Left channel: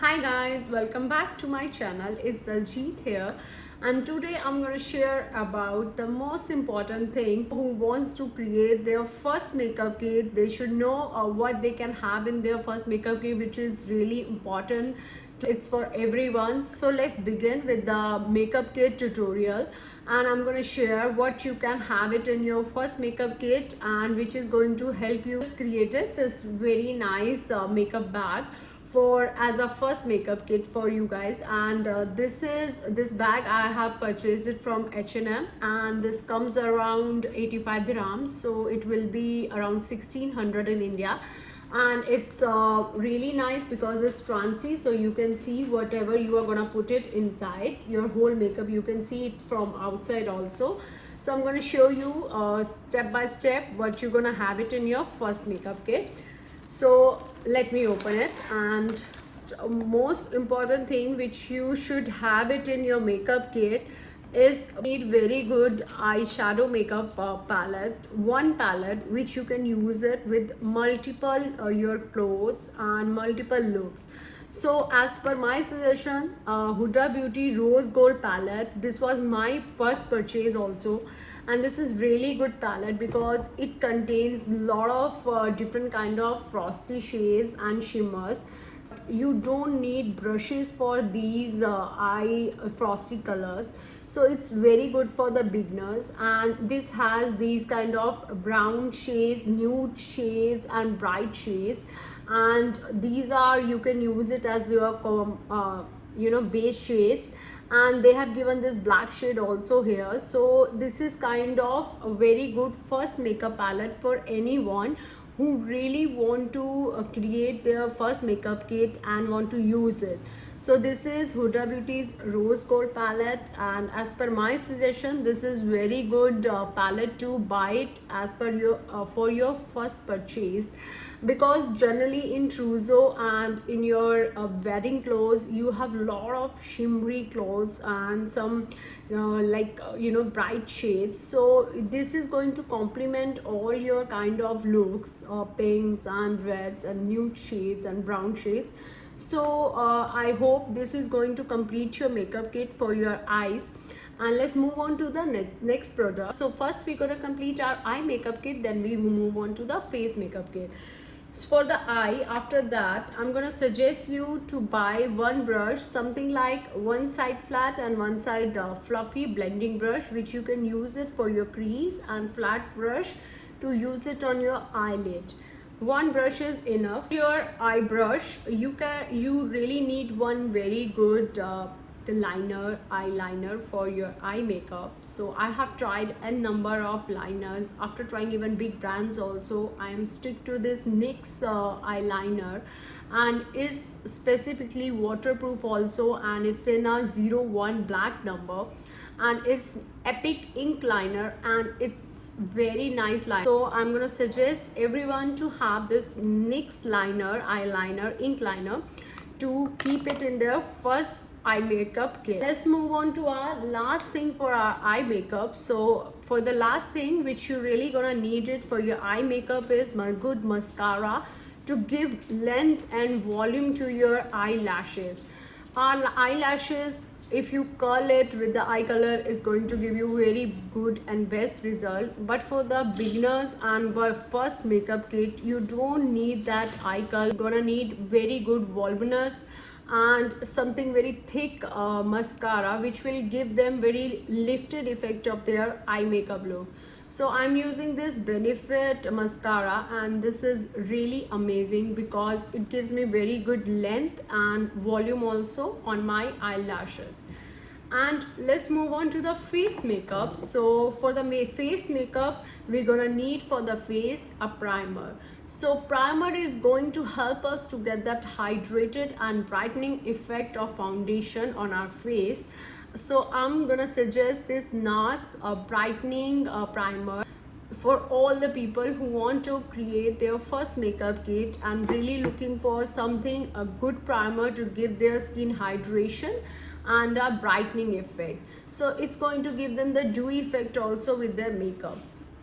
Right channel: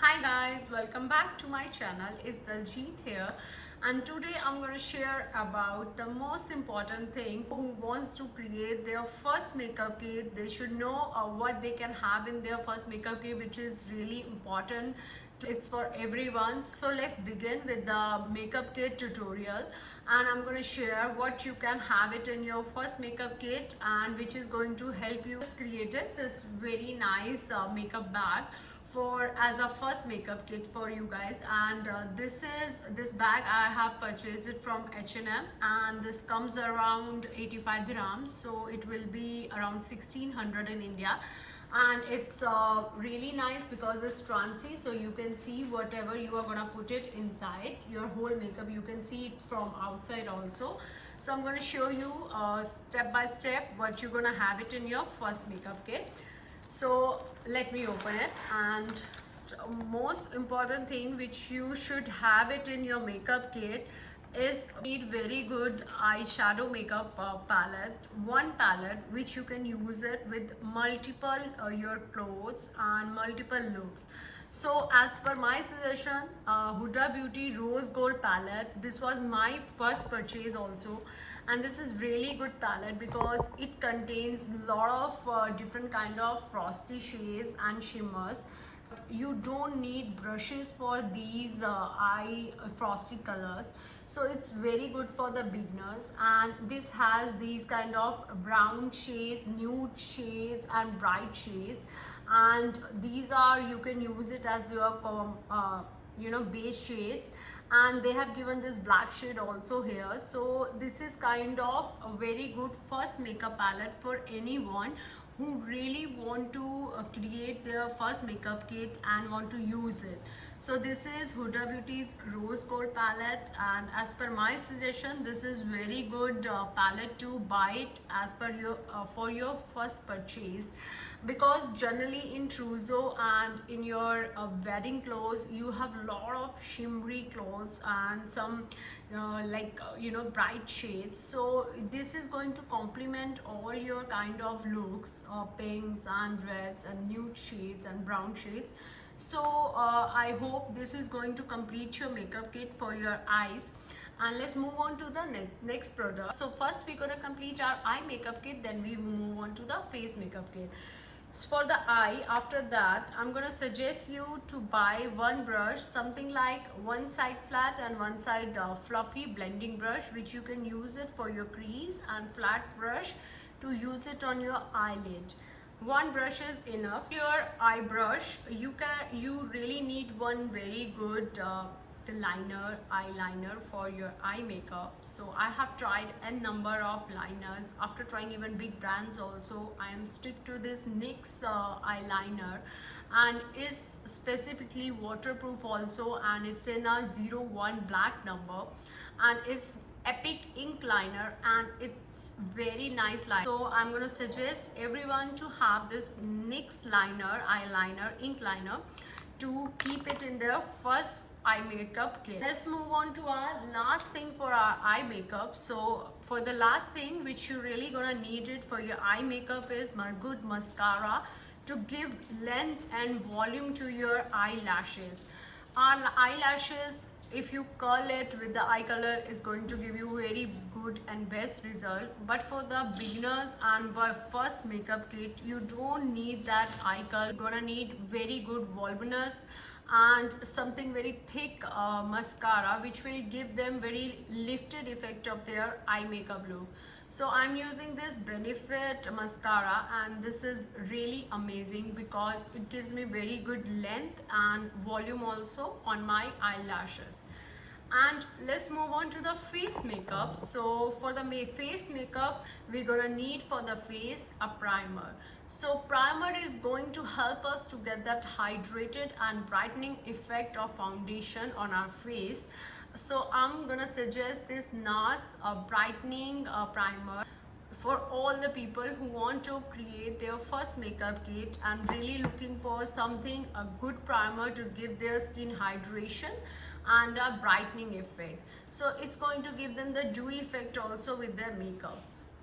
Hi guys, welcome back to my channel. It's Daljit here, and today I'm going to share about the most important thing. Who wants to create their first makeup kit, they should know what they can have in their first makeup kit, which is really important. It's for everyone. So let's begin with the makeup kit tutorial, and I'm going to share what you can have it in your first makeup kit, and which is going to help you create this very nice makeup bag for as a first makeup kit for you guys. And this bag I have purchased it from H&M, and this comes around 85 dirhams, so it will be around 1600 in India. And it's really nice because it's transy, so you can see whatever you are gonna put it inside your whole makeup. You can see it from outside also. So I'm going to show you step by step what you're gonna have it in your first makeup kit. So let me open it. And most important thing which you should have it in your makeup kit is need very good eyeshadow makeup palette, one palette which you can use it with multiple your clothes and multiple looks. So as per my suggestion, Huda Beauty Rose Gold palette, this was my first purchase also, and this is really good palette because it contains a lot of different kind of frosty shades and shimmers. You don't need brushes for these eye frosty colors, so it's very good for the beginners. And this has these kind of brown shades, nude shades and bright shades, and these are, you can use it as your base shades. And they have given this black shade also here. So this is kind of a very good first makeup palette for anyone who really want to create their first makeup kit and want to use it. So this is Huda Beauty's Rose Gold palette, and as per my suggestion, this is very good palette to buy it as per your for your first purchase, because generally in trousseau and in your wedding clothes you have a lot of shimmery clothes and some bright shades. So this is going to complement all your kind of looks, pinks and reds and nude shades and brown shades. So I hope this is going to complete your makeup kit for your eyes. And let's move on to the next product. So first we're going to complete our eye makeup kit, then we will move on to the face makeup kit. So for the eye, after that I'm going to suggest you to buy one brush, something like one side flat and one side fluffy blending brush, which you can use it for your crease, and flat brush to use it on your eyelid. One brush is enough. Your eye brush, you really need one very good eyeliner for your eye makeup. So I have tried a number of liners. After trying even big brands also, I am stick to this NYX eyeliner, and is specifically waterproof also, and it's in a 01 black number, and it's epic ink liner, and it's very nice line. So I'm gonna suggest everyone to have this NYX liner, eyeliner, ink liner, to keep it in their first eye makeup kit. Let's move on to our last thing for our eye makeup. So for the last thing which you really gonna need it for your eye makeup is my good mascara to give length and volume to your eyelashes. Our eyelashes, if you curl it with the eye color, is going to give you very good and best result. But for the beginners and for first makeup kit, you don't need that eye curl. You're gonna need very good voluminous and something very thick mascara, which will give them very lifted effect of their eye makeup look. So I'm using this Benefit mascara, and this is really amazing because it gives me very good length and volume also on my eyelashes. And let's move on to the face makeup. So for the face makeup, we're gonna need for the face a primer. So primer is going to help us to get that hydrated and brightening effect of foundation on our face. So I'm gonna suggest this NARS brightening primer for all the people who want to create their first makeup kit and really looking for something, a good primer to give their skin hydration and a brightening effect. So it's going to give them the dewy effect also with their makeup.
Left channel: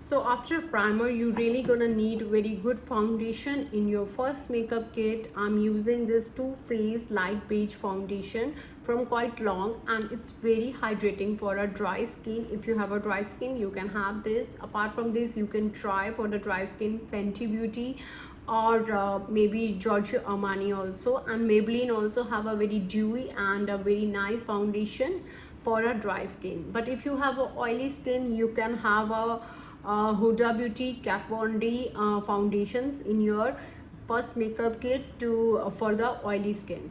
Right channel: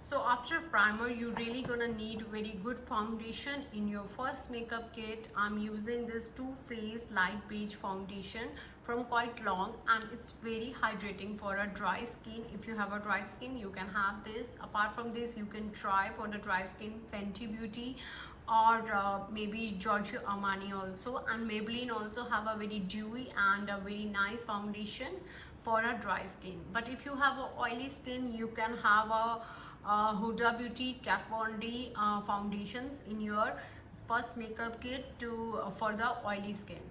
So after primer, you really gonna need very good foundation in your first makeup kit. I'm using this Too Faced light beige foundation from Quite Long, and it's very hydrating for a dry skin. If you have a dry skin, you can have this. Apart from this, you can try for the dry skin Fenty Beauty or maybe Giorgio Armani also, and Maybelline also have a very dewy and a very nice foundation for a dry skin. But if you have a oily skin, you can have a Huda Beauty Kat Von D foundations in your first makeup kit to for the oily skin.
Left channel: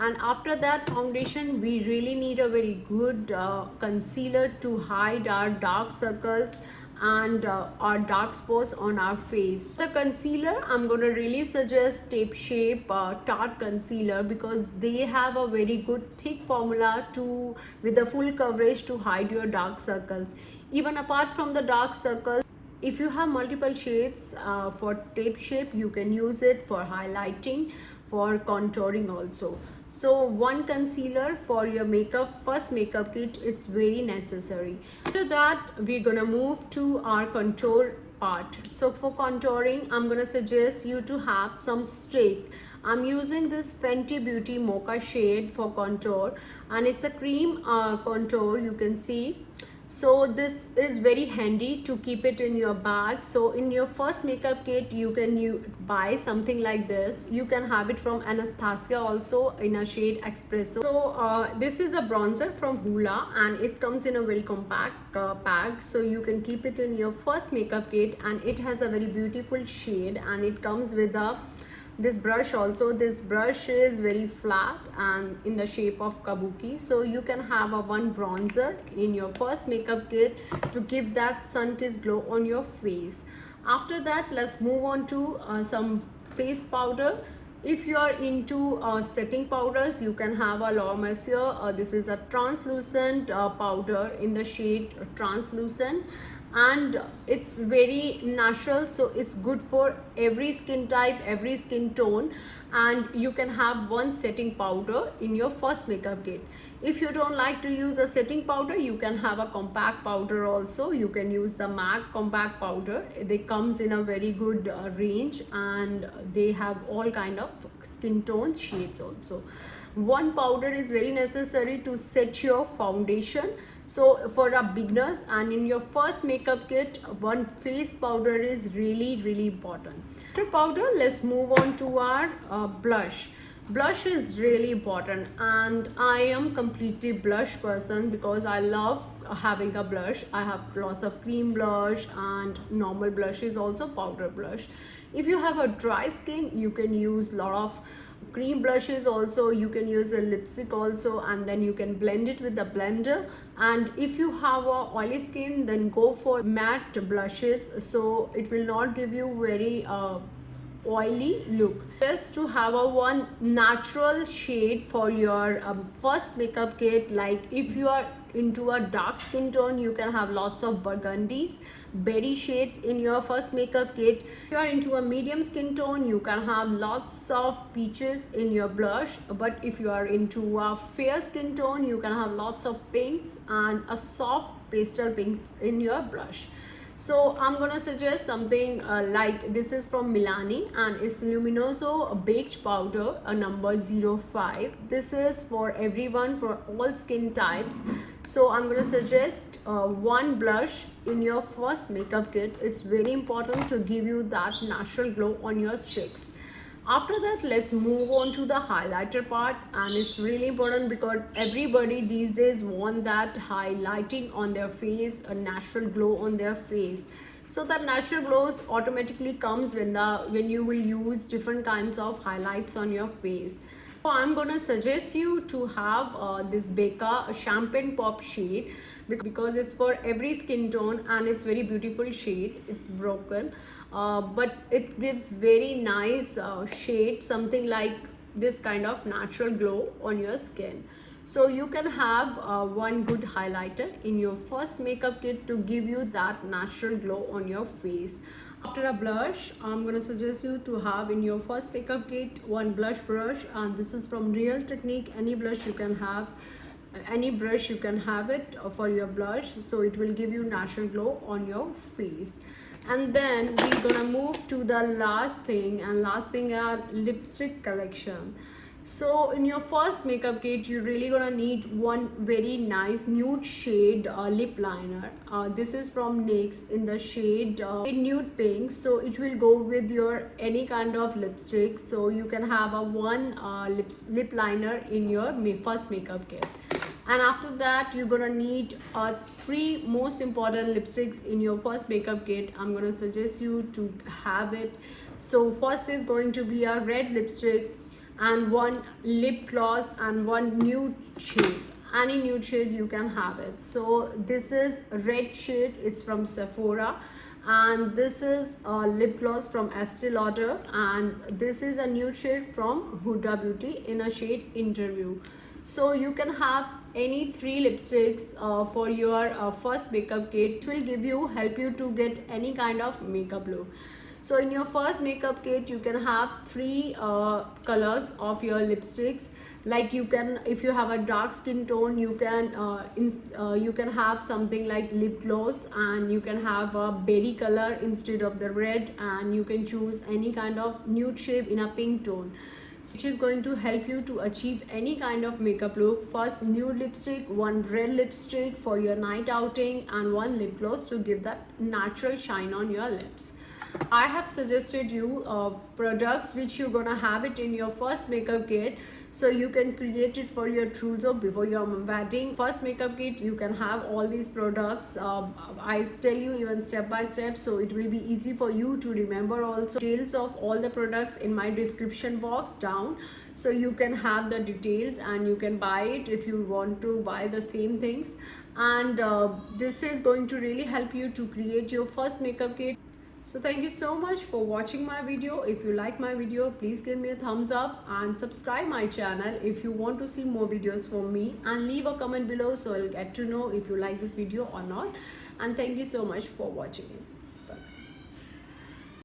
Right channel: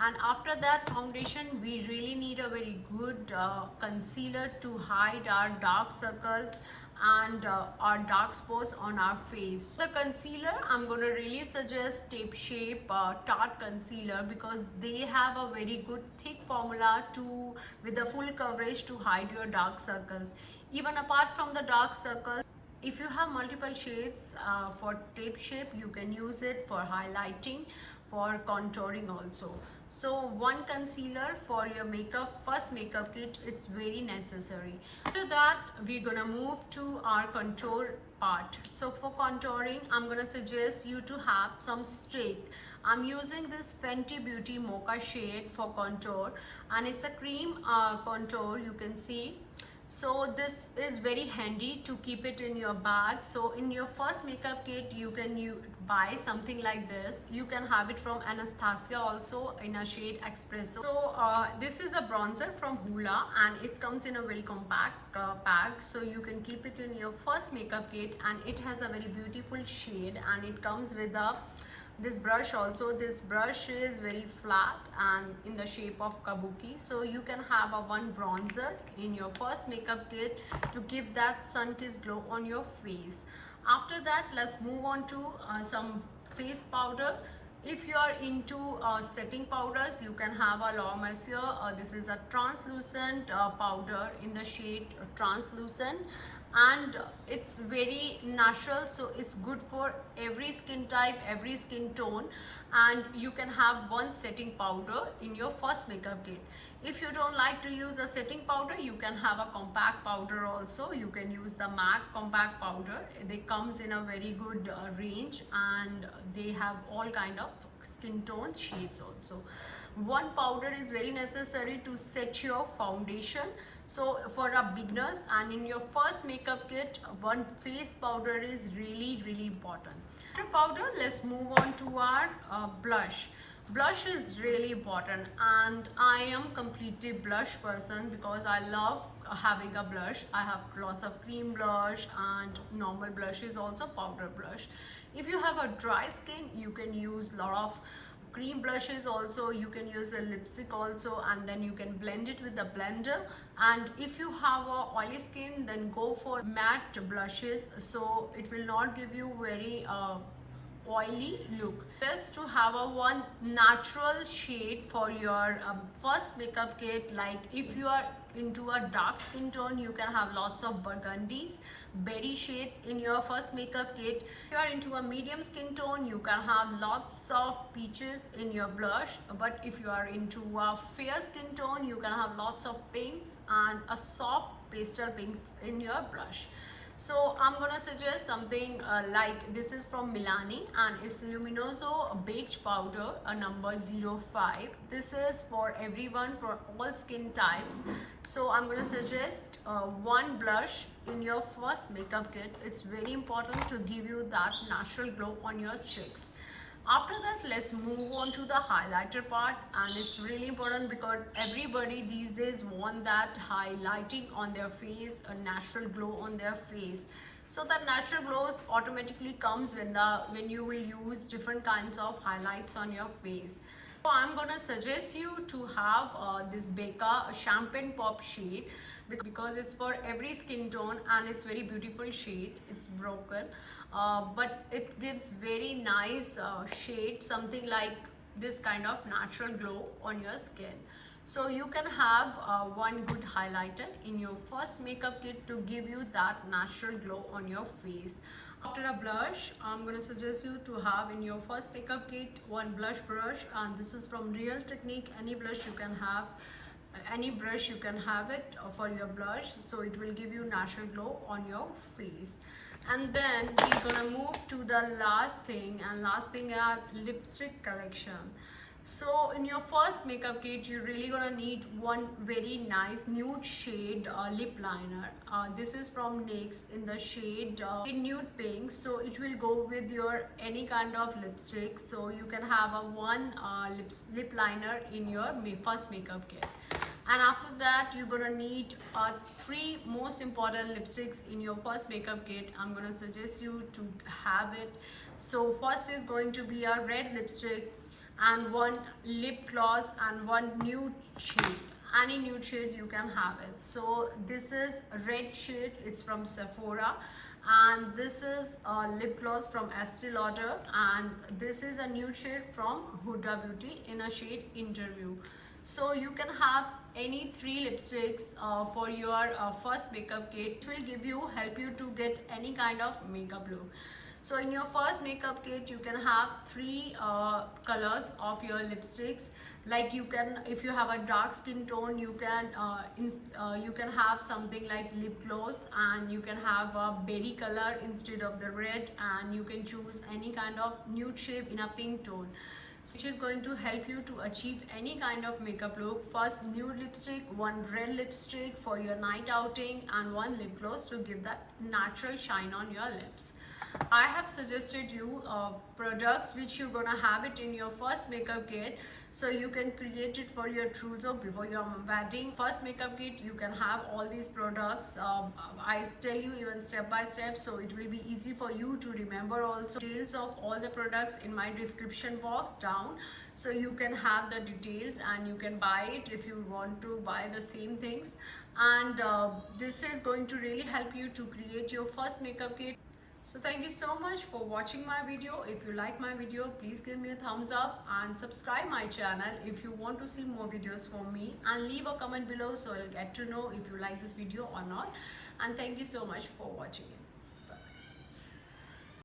And after that foundation, we really need a very good concealer to hide our dark circles and our dark spots on our face. The concealer, I'm going to really suggest Tape Shape Tarte Concealer, because they have a very good thick formula to with the full coverage to hide your dark circles. Even apart from the dark circles, if you have multiple shades for Tape Shape, you can use it for highlighting, for contouring also. So one concealer for your first makeup kit, it's very necessary. After that, we're gonna move to our contour part. So for contouring, I'm gonna suggest you to have some stick. I'm using this Fenty Beauty Mocha shade for contour, and it's a cream contour, you can see. So this is very handy to keep it in your bag. So in your first makeup kit, you can buy something like this. You can have it from Anastasia also in a shade Espresso. So this is a bronzer from Hoola, and it comes in a very compact bag. So you can keep it in your first makeup kit, and it has a very beautiful shade, and it comes with this brush also. This brush is very flat and in the shape of kabuki, so you can have a one bronzer in your first makeup kit to give that sun-kissed glow on your face. After that, let's move on to some face powder. If you are into setting powders, you can have a Laura Mercier. This is a translucent powder in the shade Translucent, and it's very natural, so it's good for every skin type, every skin tone. And you can have one setting powder in your first makeup kit. If you don't like to use a setting powder, you can have a compact powder also. You can use the MAC compact powder. They comes in a very good range, and they have all kind of skin tone shades also. One powder is very necessary to set your foundation. So for our beginners and in your first makeup kit, one face powder is really important. After powder, let's move on to our blush. Blush is really important, and I am completely blush person because I love having a blush. I have lots of cream blush and normal blushes, also powder blush. If you have a dry skin, you can use a lot of cream blushes also. You can use a lipstick also, and then you can blend it with the blender. And if you have a oily skin, then go for matte blushes, so it will not give you very oily look. Just to have a one natural shade for your first makeup kit. Like if you are into a dark skin tone, you can have lots of burgundies, berry shades in your first makeup kit. If you are into a medium skin tone, you can have lots of peaches in your blush. But if you are into a fair skin tone, you can have lots of pinks and a soft pastel pinks in your blush. So I'm gonna suggest something like this is from Milani, and it's Luminoso Baked Powder, a number 05. This is for everyone, for all skin types. So I'm gonna suggest one blush in your first makeup kit. It's very important to give you that natural glow on your cheeks. After that, let's move on to the highlighter part, and it's really important because everybody these days want that highlighting on their face, a natural glow on their face. So that natural glows automatically comes when you will use different kinds of highlights on your face. So I'm gonna suggest you to have this Becca Champagne Pop shade, because it's for every skin tone and it's very beautiful shade. It's broken, but it gives very nice shade, something like this kind of natural glow on your skin. So you can have one good highlighter in your first makeup kit to give you that natural glow on your face. After a blush, I'm going to suggest you to have in your first makeup kit one blush brush, and this is from Real Technique. Any blush you can have. any brush you can have it for your blush, so it will give you natural glow on your face. And then we're gonna move to the last thing, and last thing are lipstick collection. So in your first makeup kit, you're really gonna need one very nice nude shade lip liner. This is from NYX in the shade nude pink, so it will go with your any kind of lipstick. So you can have a one lip liner in your first makeup kit. And after that, you're gonna need three most important lipsticks in your first makeup kit. I'm gonna suggest you to have it. So first is going to be a red lipstick, and one lip gloss, and one nude shade. Any nude shade you can have it. So this is red shade, it's from Sephora, and this is a lip gloss from Estee Lauder, and this is a nude shade from Huda Beauty in a shade Interview. So you can have any three lipsticks for your first makeup kit. It will help you to get any kind of makeup look. So in your first makeup kit, you can have three colors of your lipsticks. Like you can, if you have a dark skin tone, you can have something like lip gloss, and you can have a berry color instead of the red, and you can choose any kind of nude shade in a pink tone, which is going to help you to achieve any kind of makeup look. First nude lipstick, one red lipstick for your night outing, and one lip gloss to give that natural shine on your lips. I have suggested you products which you're gonna have it in your first makeup kit, so you can create it for your trousseau before your wedding. First makeup kit, you can have all these products. I tell you even step by step, so it will be easy for you to remember. Also details of all the products in my description box down, so you can have the details and you can buy it if you want to buy the same things. And this is going to really help you to create your first makeup kit. So thank you so much for watching my video. If you like my video, please give me a thumbs up and subscribe my channel if you want to see more videos from me, and leave a comment below so I'll get to know if you like this video or not. And thank you so much for watching it.